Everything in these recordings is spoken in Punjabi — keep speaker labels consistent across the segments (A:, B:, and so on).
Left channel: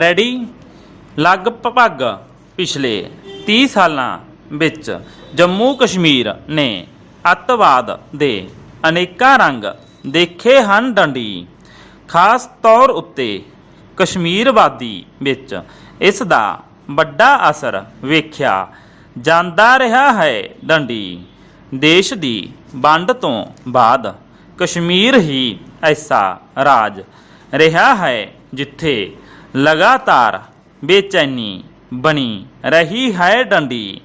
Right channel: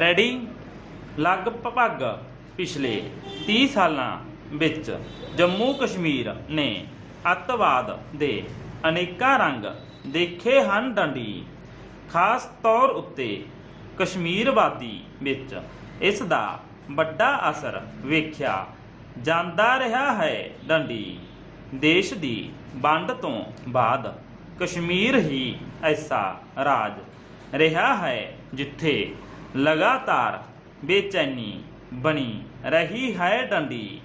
A: ਰੈਡੀ? ਲਗਭਗ ਪਿਛਲੇ 30 ਸਾਲਾਂ ਵਿੱਚ ਜੰਮੂ ਕਸ਼ਮੀਰ ਨੇ ਅੱਤਵਾਦ ਦੇ ਅਨੇਕਾਂ ਰੰਗ ਦੇਖੇ ਹਨ ਡੰਡੀ। ਖਾਸ ਤੌਰ ਉੱਤੇ ਕਸ਼ਮੀਰਵਾਦੀ ਵਿੱਚ ਇਸ ਦਾ ਵੱਡਾ ਅਸਰ ਵੇਖਿਆ ਜਾਂਦਾ ਰਿਹਾ ਹੈ ਡੰਡੀ। ਦੇਸ਼ ਦੀ ਵੰਡ ਤੋਂ ਬਾਅਦ ਕਸ਼ਮੀਰ ਹੀ ਐਸਾ ਰਾਜ ਰਿਹਾ ਹੈ ਜਿੱਥੇ ਲਗਾਤਾਰ ਬੇਚੈਨੀ ਬਣੀ ਰਹੀ ਹੈ ਡੰਡੀ।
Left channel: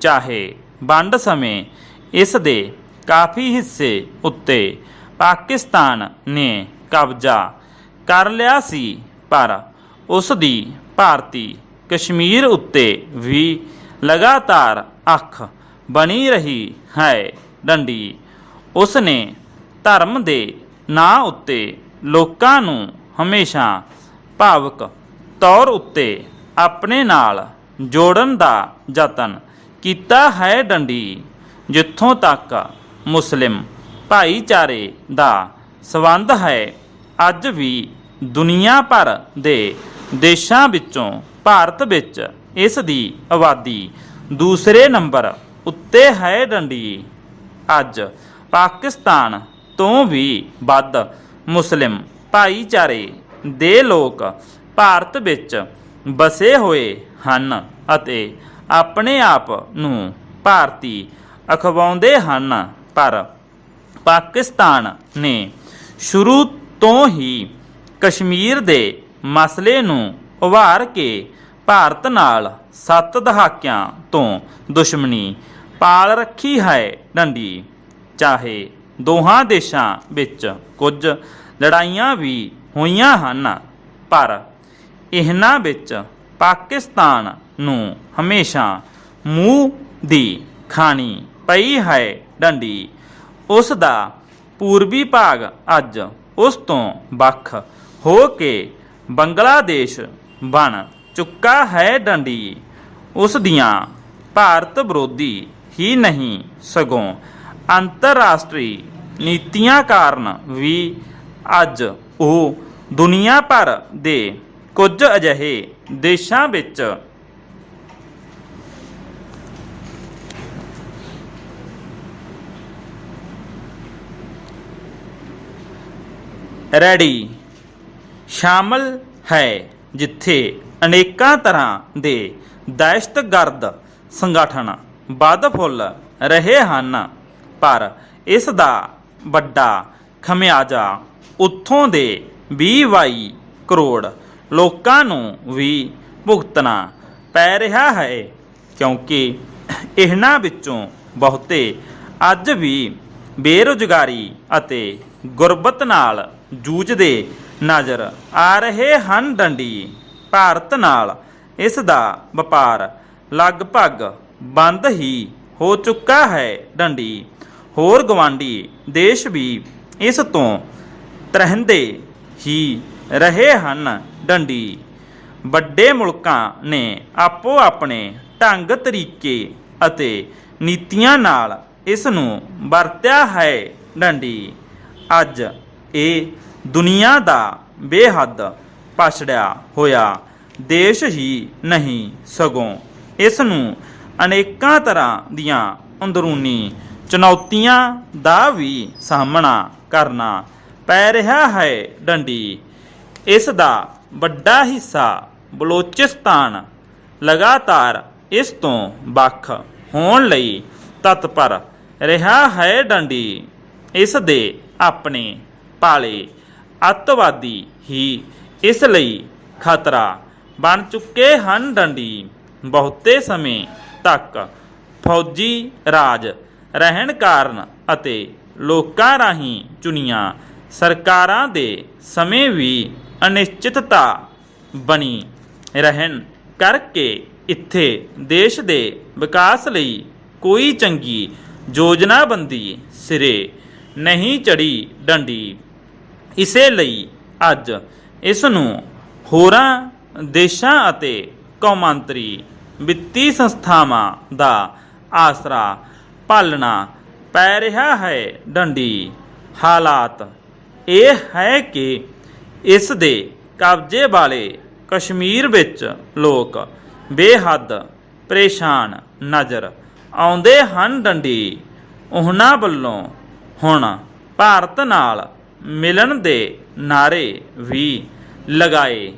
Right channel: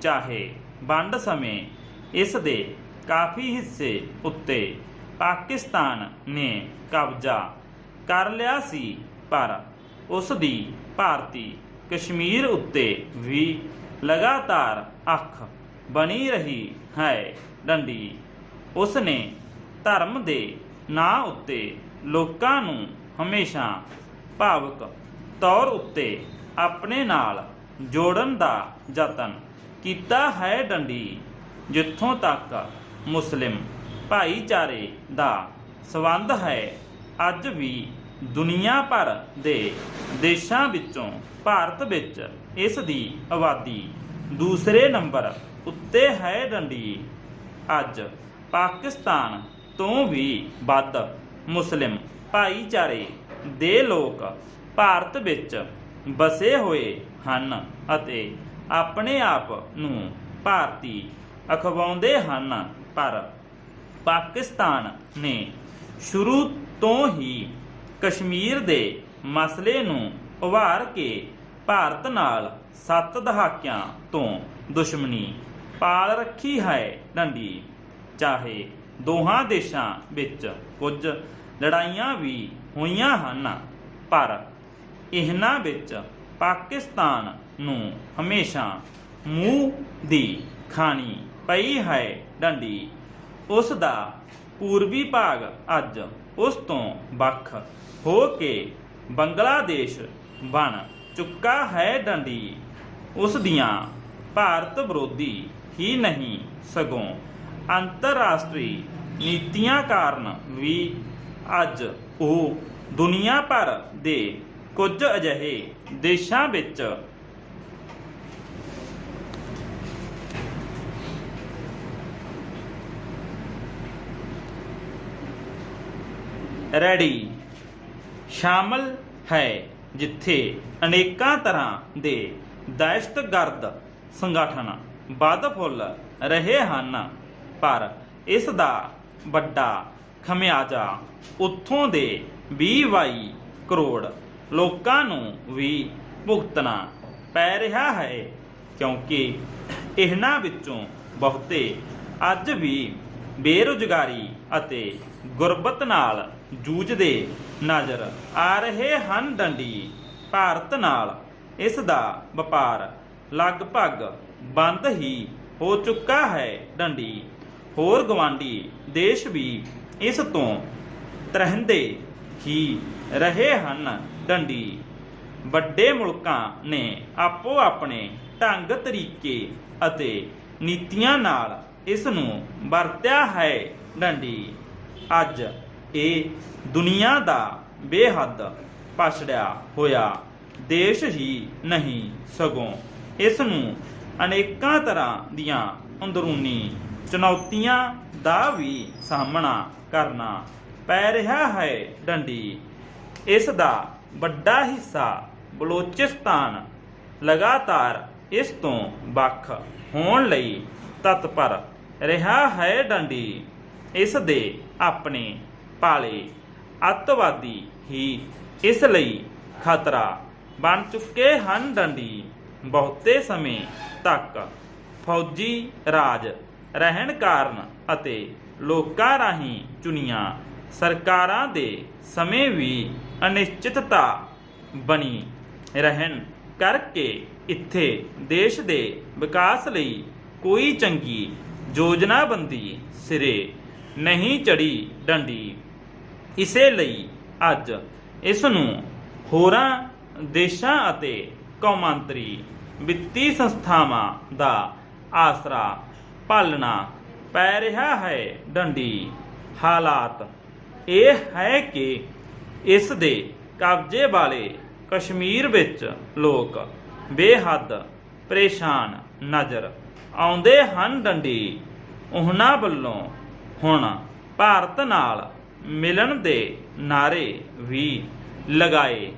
A: ਚਾਹੇ ਵੰਡ ਸਮੇਂ ਇਸ ਦੇ ਕਾਫੀ ਹਿੱਸੇ ਉੱਤੇ ਪਾਕਿਸਤਾਨ ਨੇ ਕਬਜ਼ਾ ਕਰ ਲਿਆ ਸੀ, ਪਰ ਉਸ ਦੀ ਭਾਰਤੀ ਕਸ਼ਮੀਰ ਉੱਤੇ ਵੀ ਲਗਾਤਾਰ ਅੱਖ ਬਣੀ ਰਹੀ ਹੈ ਡੰਡੀ। ਉਸ ਨੇ ਧਰਮ ਦੇ ਨਾਂ ਉੱਤੇ ਲੋਕਾਂ ਨੂੰ ਹਮੇਸ਼ਾ ਭਾਵਕ ਤੌਰ ਉੱਤੇ ਆਪਣੇ ਨਾਲ ਜੋੜਨ ਦਾ ਯਤਨ ਕੀਤਾ ਹੈ ਡੰਡੀ, ਜਿੱਥੋਂ ਤੱਕ ਮੁਸਲਿਮ ਭਾਈਚਾਰੇ ਦਾ ਸਬੰਧ ਹੈ। ਅੱਜ ਵੀ ਦੁਨੀਆ ਭਰ ਦੇ ਦੇਸ਼ਾਂ ਵਿੱਚੋਂ ਭਾਰਤ ਵਿੱਚ ਇਸ ਦੀ ਆਬਾਦੀ ਦੂਸਰੇ ਨੰਬਰ ਉੱਤੇ ਹੈ ਡੰਡੀ। ਅੱਜ ਪਾਕਿਸਤਾਨ ਤੋਂ ਵੀ ਵੱਧ ਮੁਸਲਿਮ ਭਾਈਚਾਰੇ ਦੇ ਲੋਕ ਭਾਰਤ ਵਿੱਚ ਵਸੇ ਹੋਏ ਹਨ ਅਤੇ ਆਪਣੇ ਆਪ ਨੂੰ ਭਾਰਤੀ ਅਖਵਾਉਂਦੇ ਹਨ। ਪਰ ਪਾਕਿਸਤਾਨ ਨੇ ਸ਼ੁਰੂ ਤੋਂ ਹੀ ਕਸ਼ਮੀਰ ਦੇ ਮਸਲੇ ਨੂੰ ਉਭਾਰ ਕੇ ਭਾਰਤ ਨਾਲ ਸੱਤ ਦਹਾਕਿਆਂ ਤੋਂ ਦੁਸ਼ਮਣੀ ਪਾਲ ਰੱਖੀ ਹੈ ਡੰਡੀ। ਚਾਹੇ ਦੋਹਾਂ ਦੇਸ਼ਾਂ ਵਿੱਚ ਕੁਝ ਲੜਾਈਆਂ ਵੀ ਹੋਈਆਂ ਹਨ, ਪਰ ਇਹਨਾਂ ਵਿੱਚ ਪਾਕਿਸਤਾਨ ਨੂੰ ਹਮੇਸ਼ਾ ਮੂੰਹ ਦੀ ਖਾਣੀ ਪਈ ਹੈ ਡੰਡੀ। ਉਸ ਦਾ ਪੂਰਬੀ ਭਾਗ ਅੱਜ ਉਸ ਤੋਂ ਵੱਖ ਹੋ ਕੇ ਬੰਗਲਾਦੇਸ਼ ਬਣ ਚੁੱਕਾ ਹੈ ਡੰਡੀ। ਉਸ ਦੀਆਂ ਭਾਰਤ ਵਿਰੋਧੀ ਹੀ ਨਹੀਂ ਸਗੋਂ ਅੰਤਰਰਾਸ਼ਟਰੀ ਨੀਤੀਆਂ ਕਾਰਨ ਵੀ ਅੱਜ ਉਹ ਦੁਨੀਆ ਭਰ ਦੇ ਕੁਝ ਅਜਿਹੇ ਦੇਸ਼ਾਂ ਵਿੱਚ ਰੈਡੀ ਸ਼ਾਮਲ ਹੈ, ਜਿੱਥੇ ਅਨੇਕਾਂ ਤਰ੍ਹਾਂ ਦੇ ਦਹਿਸ਼ਤਗਰਦ ਸੰਗਠਨ ਵੱਧ ਫੁੱਲ ਰਹੇ ਹਨ। ਪਰ ਇਸ ਦਾ ਵੱਡਾ ਖਮਿਆਜਾ, ਉੱਥੋਂ ਦੇ 20 ਕਰੋੜ ਲੋਕਾਂ ਨੂੰ ਵੀ ਭੁਗਤਣਾ ਪੈ ਰਿਹਾ ਹੈ, ਕਿਉਂਕਿ ਇਹਨਾਂ ਵਿੱਚੋਂ ਬਹੁਤੇ ਅੱਜ ਵੀ ਬੇਰੁਜ਼ਗਾਰੀ ਅਤੇ ਗੁਰਬਤ ਨਾਲ ਜੂਝਦੇ ਨਜ਼ਰ ਆ ਰਹੇ ਹਨ। ਡੰਡੀ, ਭਾਰਤ ਨਾਲ ਇਸ ਦਾ ਵਪਾਰ ਲਗਭਗ ਬੰਦ ਹੀ ਹੋ ਚੁੱਕਾ ਹੈ। ਡੰਡੀ, ਹੋਰ ਗਵਾਂਡੀ ਦੇਸ਼ ਵੀ ਇਸ ਤੋਂ ਤਰਹਿੰਦੇ ਹੀ ਰਹੇ ਹਨ ਡੰਡੀ। ਵੱਡੇ ਮੁਲਕਾਂ ਨੇ ਆਪੋ ਆਪਣੇ ਢੰਗ ਤਰੀਕੇ ਅਤੇ ਨੀਤੀਆਂ ਨਾਲ ਇਸ ਨੂੰ ਵਰਤਿਆ ਹੈ ਡੰਡੀ। ਅੱਜ ਇਹ ਦੁਨੀਆ ਦਾ ਬੇਹੱਦ ਪਛੜਿਆ ਹੋਇਆ ਦੇਸ਼ ਹੀ ਨਹੀਂ ਸਗੋਂ ਇਸ ਨੂੰ ਅਨੇਕਾਂ ਤਰ੍ਹਾਂ ਦੀਆਂ ਅੰਦਰੂਨੀ ਚੁਣੌਤੀਆਂ ਦਾ ਵੀ ਸਾਹਮਣਾ ਕਰਨਾ ਪੈ ਰਿਹਾ ਹੈ ਡੰਡੀ। ਇਸ ਦਾ ਵੱਡਾ ਹਿੱਸਾ ਬਲੋਚਿਸਤਾਨ ਲਗਾਤਾਰ ਇਸ ਤੋਂ ਵੱਖ ਹੋਣ ਲਈ ਤਤਪਰ ਰਿਹਾ ਹੈ ਡੰਡੀ। ਇਸ ਦੇ ਆਪਣੇ ਪਾਲੇ ਅੱਤਵਾਦੀ ਹੀ ਇਸ ਲਈ ਖਤਰਾ ਬਣ ਚੁੱਕੇ ਹਨ ਡੰਡੀ। ਬਹੁਤੇ ਸਮੇਂ ਤੱਕ ਫੌਜੀ ਰਾਜ ਰਹਿਣ ਕਾਰਨ ਅਤੇ ਲੋਕਾਂ ਰਾਹੀਂ ਚੁਣੀਆਂ। ਸਰਕਾਰਾਂ ਦੇ ਸਮੇਂ ਵੀ ਅਨਿਸ਼ਚਿਤਤਾ ਬਣੀ ਰਹਿਣ ਕਰਕੇ ਇੱਥੇ ਦੇਸ਼ ਦੇ ਵਿਕਾਸ ਲਈ ਕੋਈ ਚੰਗੀ ਯੋਜਨਾਬੰਦੀ ਸਿਰੇ ਨਹੀਂ ਚੜੀ ਡੰਡੀ। ਇਸੇ ਲਈ ਅੱਜ ਇਸ ਨੂੰ ਹੋਰਾਂ ਦੇਸ਼ਾਂ ਅਤੇ ਕੌਮਾਂਤਰੀ ਵਿੱਤੀ ਸੰਸਥਾਵਾਂ ਦਾ ਆਸਰਾ ਪਾਲਣਾ ਪੈ ਰਿਹਾ ਹੈ ਡੰਡੀ। ਹਾਲਾਤ ਇਹ ਹੈ ਕਿ ਇਸ ਦੇ ਕਬਜ਼ੇ ਵਾਲੇ ਕਸ਼ਮੀਰ ਵਿੱਚ ਲੋਕ ਬੇਹੱਦ ਪਰੇਸ਼ਾਨ ਨਜ਼ਰ ਆਉਂਦੇ ਹਨ ਡੰਡੀ। ਉਹਨਾਂ ਵੱਲੋਂ ਹੁਣ ਭਾਰਤ ਨਾਲ ਮਿਲਣ ਦੇ ਨਾਰੇ ਵੀ ਲਗਾਏ